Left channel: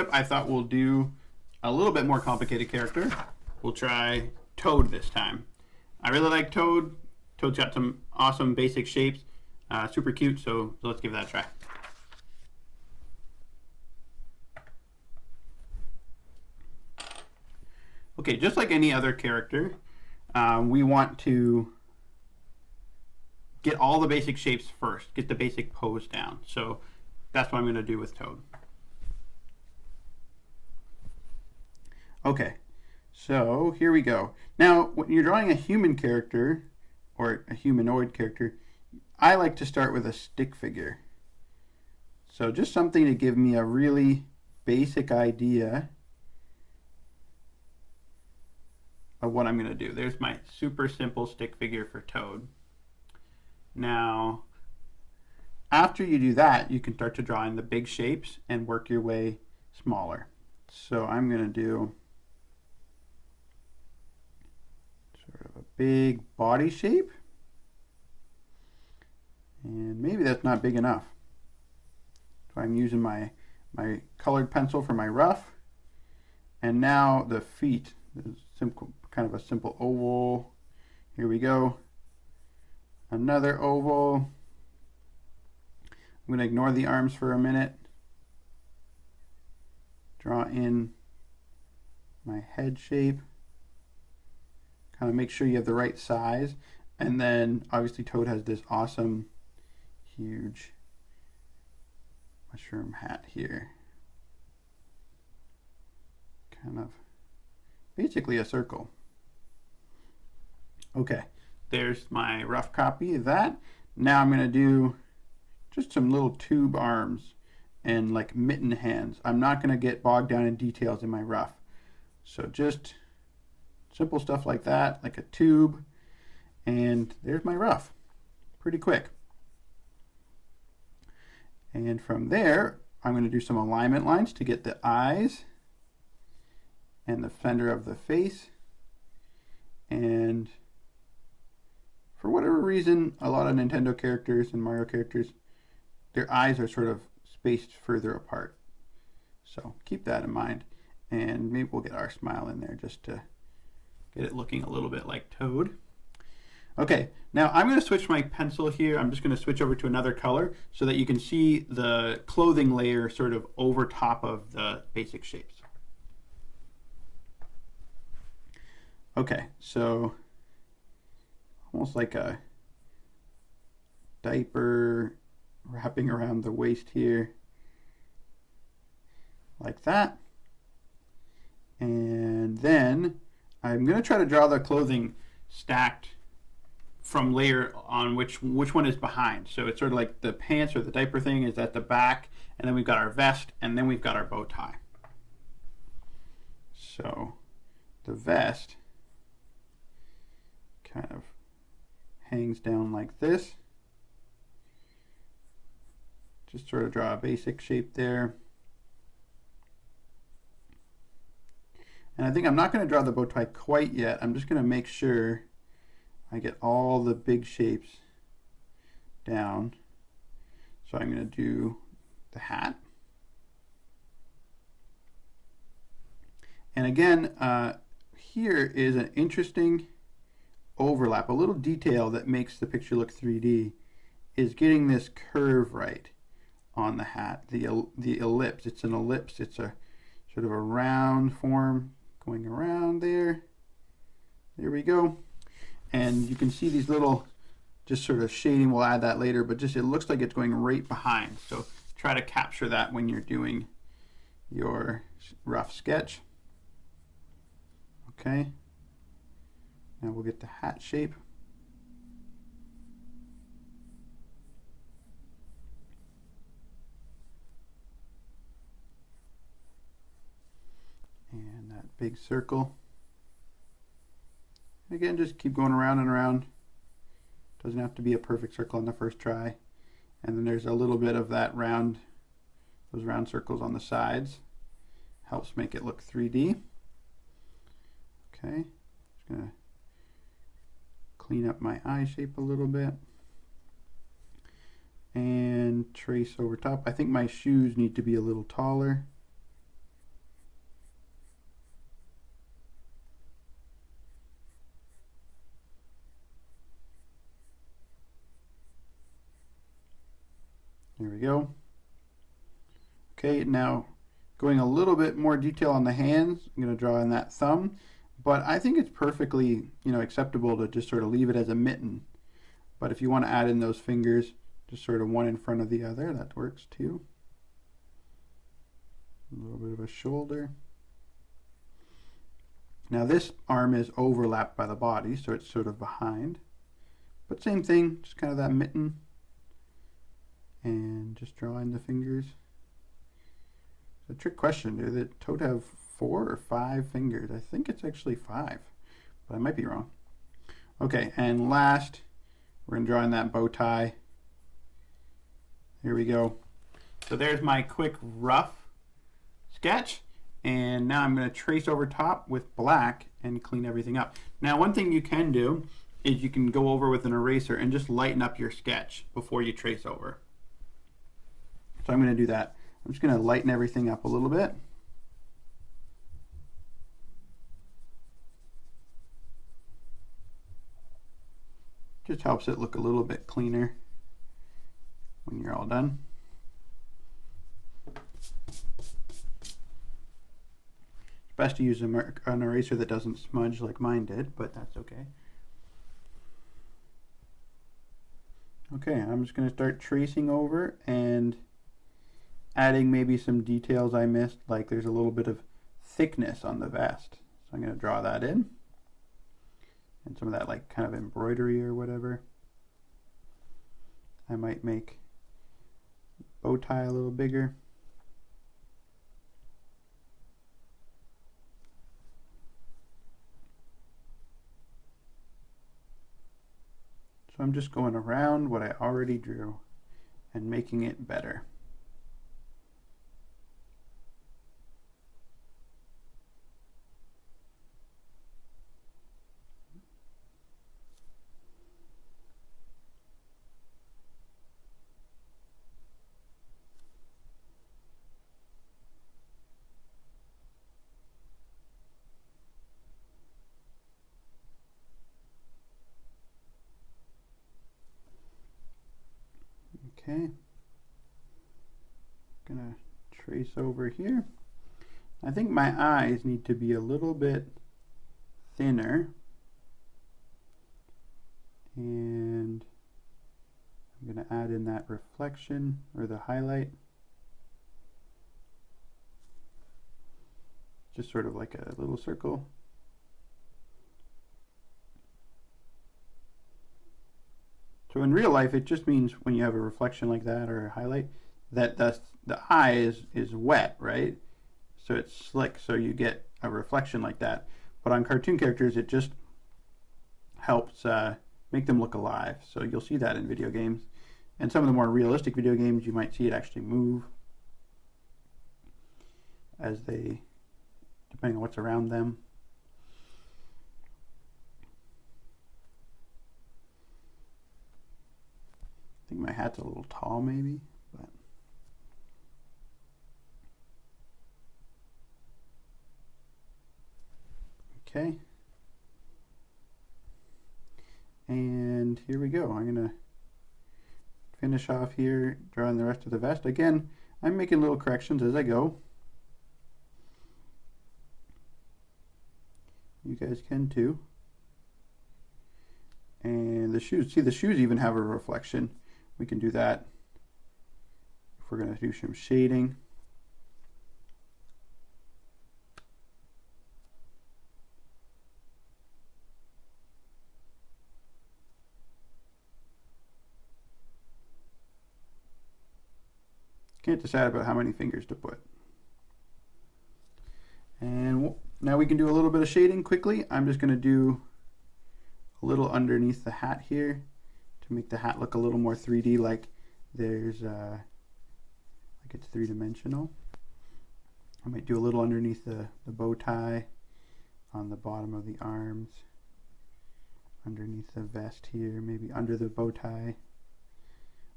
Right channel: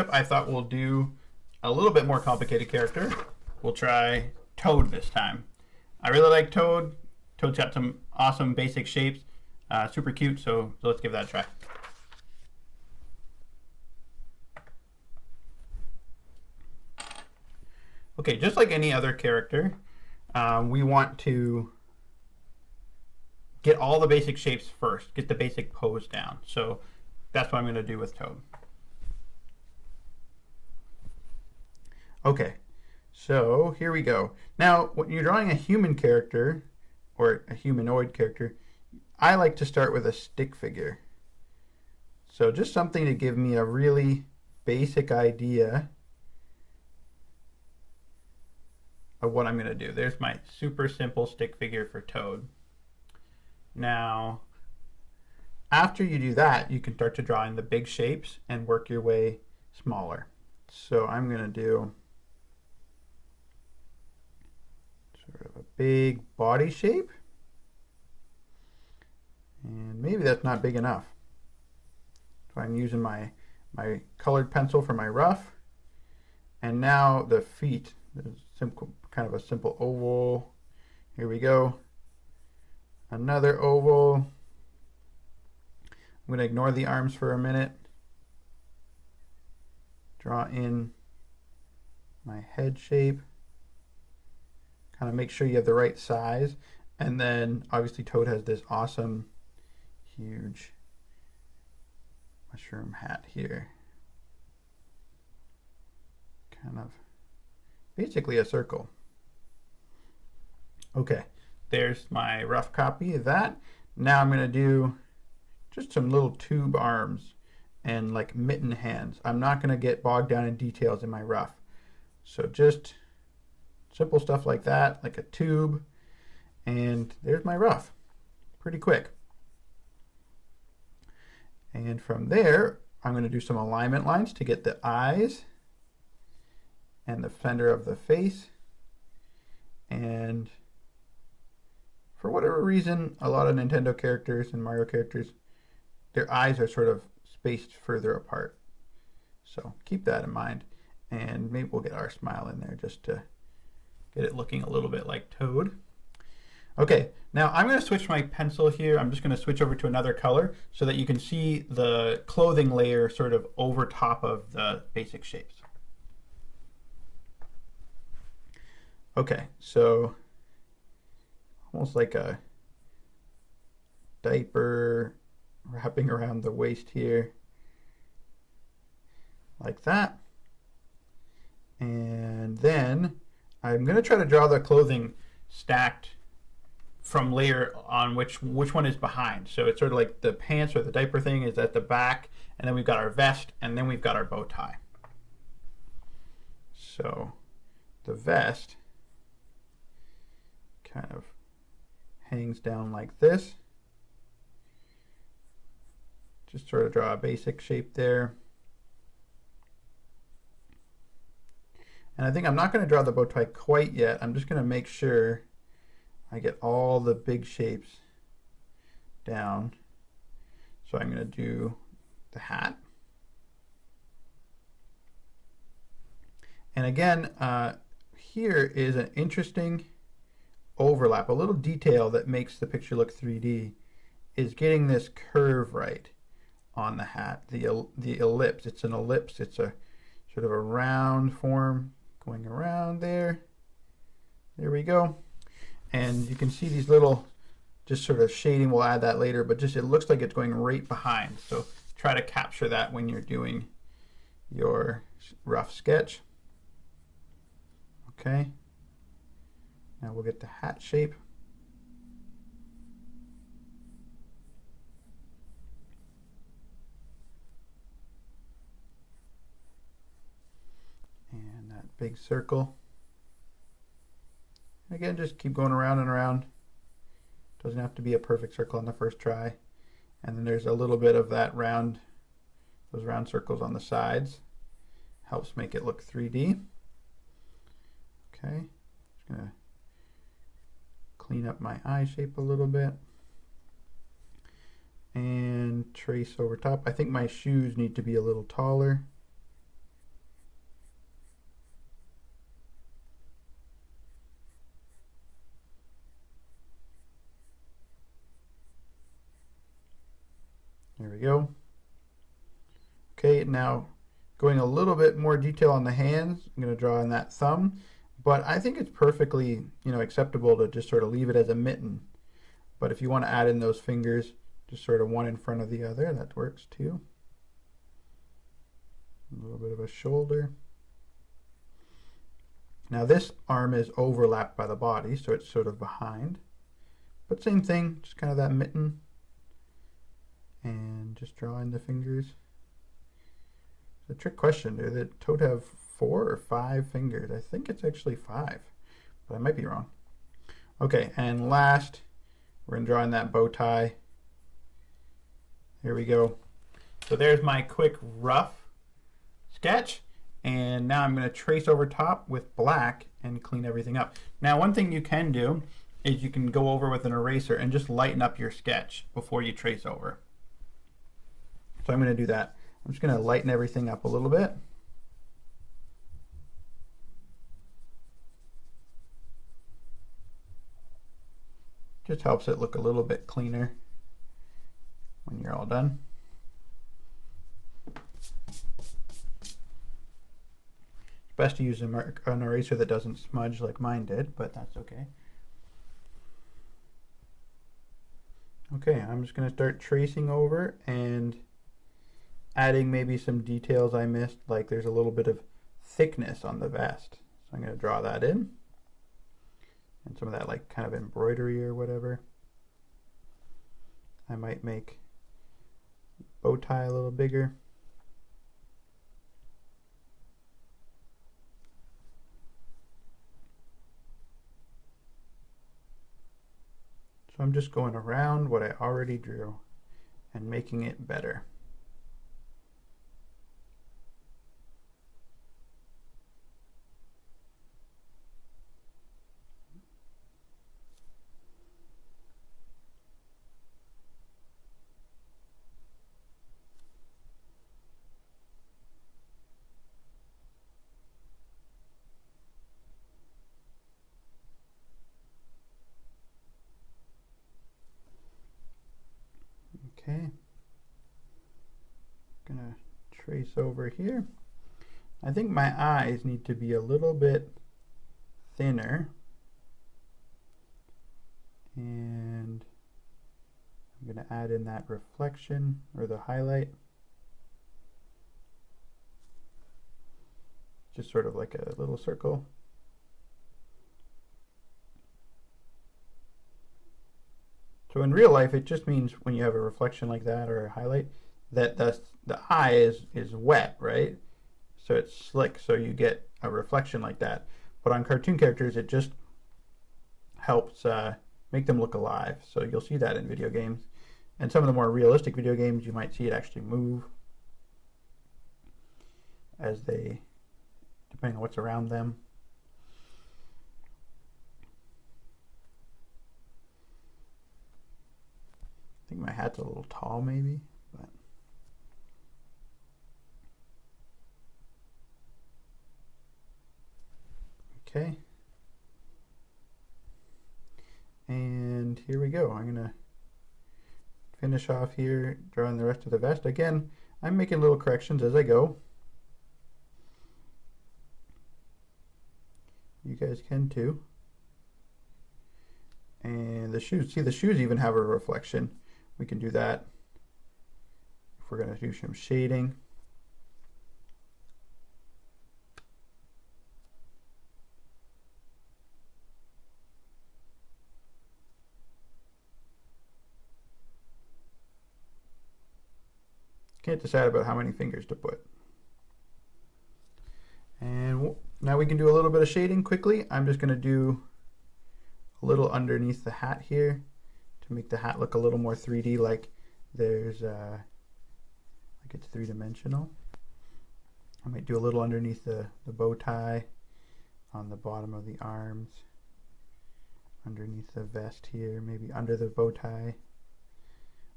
up, I thought we'll do a little bit more complicated character. We'll try Toad this time. I really like Toad. Toad's got some awesome basic shapes. Super cute, so let's give that a try. Okay, just like any other character, we want to get all the basic shapes first, get the basic pose down. So that's what I'm going to do with Toad. Okay, so here we go. Now, when you're drawing a human character, or a humanoid character, I like to start with a stick figure. So just something to give me a really basic idea of what I'm going to do. There's my super simple stick figure for Toad. Now, after you do that, you can start to draw in the big shapes and work your way smaller. So I'm going to do sort of a big body shape. And maybe that's not big enough. So I'm using my colored pencil for my rough. And now the feet, kind of a simple oval. Here we go. Another oval. I'm going to ignore the arms for a minute. Draw in my head shape. Kind of make sure you have the right size. And then obviously Toad has this awesome, huge mushroom hat here. Kind of basically a circle. Okay, there's my rough copy of that. Now I'm going to do just some little tube arms and like mitten hands. I'm not going to get bogged down in details in my rough. So just simple stuff like that, like a tube. And there's my rough. Pretty quick. And from there, I'm going to do some alignment lines to get the eyes and the center of the face. And for whatever reason, a lot of Nintendo characters and Mario characters, their eyes are sort of spaced further apart. So keep that in mind. And maybe we'll get our smile in there just to get it looking a little bit like Toad. Okay, now I'm going to switch my pencil here. I'm just going to switch over to another color so that you can see the clothing layer sort of over top of the basic shapes. Okay, so almost like a diaper wrapping around the waist here, like that. And then I'm going to try to draw the clothing stacked from layer on which one is behind. So it's sort of like the pants or the diaper thing is at the back, and then we've got our vest, and then we've got our bow tie. So the vest kind of hangs down like this. Just sort of draw a basic shape there. And I think I'm not going to draw the bow tie quite yet. I'm just going to make sure I get all the big shapes down. So I'm going to do the hat. And again, here is an interesting overlap. A little detail that makes the picture look 3D is getting this curve right on the hat. The ellipse, it's an ellipse. It's a sort of a round form going around there. There we go. And you can see these little just sort of shading. We'll add that later, but just it looks like it's going right behind. So try to capture that when you're doing your rough sketch. Okay. Now we'll get the hat shape. And that big circle. Again, just keep going around and around. Doesn't have to be a perfect circle on the first try. And then there's a little bit of that round, those round circles on the sides. Helps make it look 3D. Okay, just gonna clean up my eye shape a little bit. And trace over top. I think my shoes need to be a little taller. we go. Okay, now going a little bit more detail on the hands, I'm going to draw in that thumb, but I think it's perfectly, acceptable to just sort of leave it as a mitten. But if you want to add in those fingers, just sort of one in front of the other, that works too. A little bit of a shoulder. Now this arm is overlapped by the body, so it's sort of behind. But same thing, just kind of that mitten. And just draw in the fingers. It's a trick question. Do the toad have 4 or 5 fingers? I think it's actually 5, but I might be wrong. Okay, and last, we're going to draw in that bow tie. Here we go. So there's my quick rough sketch. And now I'm going to trace over top with black and clean everything up. Now one thing you can do is you can go over with an eraser and just lighten up your sketch before you trace over. So I'm going to do that. I'm just going to lighten everything up a little bit. Just helps it look a little bit cleaner when you're all done. It's best to use an eraser that doesn't smudge like mine did, but that's okay. Okay, I'm just going to start tracing over and adding maybe some details I missed, like there's a little bit of thickness on the vest. So I'm going to draw that in. And some of that like kind of embroidery or whatever. I might make bow tie a little bigger. So I'm just going around what I already drew and making it better. Okay, gonna trace over here. I think my eyes need to be a little bit thinner, and I'm gonna add in that reflection or the highlight, just sort of like a little circle. So in real life, it just means when you have a reflection like that or a highlight, that the eye is wet, right? So it's slick, so you get a reflection like that. But on cartoon characters, it just helps make them look alive. So you'll see that in video games. And some of the more realistic video games, you might see it actually move as they, depending on what's around them. I think my hat's a little tall maybe, but okay. And here we go. I'm gonna finish off here, drawing the rest of the vest. Again, I'm making little corrections as I go. You guys can too. And the shoes, see the shoes even have a reflection. We can do that if we're going to do some shading. Can't decide about how many fingers to put. And now we can do a little bit of shading quickly. I'm just going to do a little underneath the hat here to make the hat look a little more 3D, like there's like it's three-dimensional. I might do a little underneath the bow tie, on the bottom of the arms, underneath the vest here, maybe under the bow tie,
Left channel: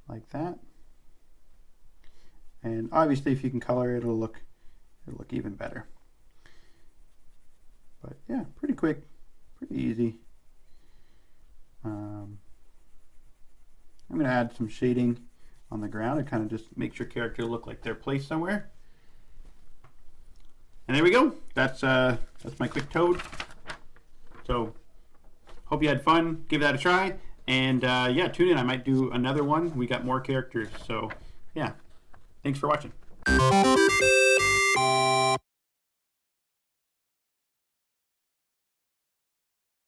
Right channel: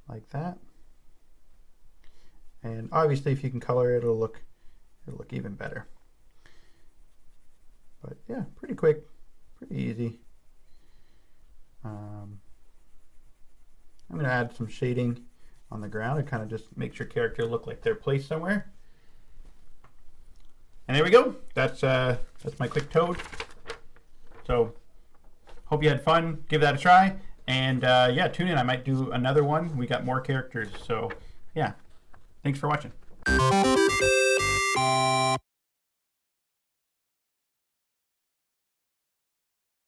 like that. And obviously if you can color it, it'll look even better. But yeah, pretty quick, pretty easy. I'm going to add some shading on the ground. It kind of just makes your character look like they're placed somewhere. And there we go. That's my quick toad. So hope you had fun. Give that a try. And yeah, tune in. I might do another one. We got more characters. So yeah, thanks for watching.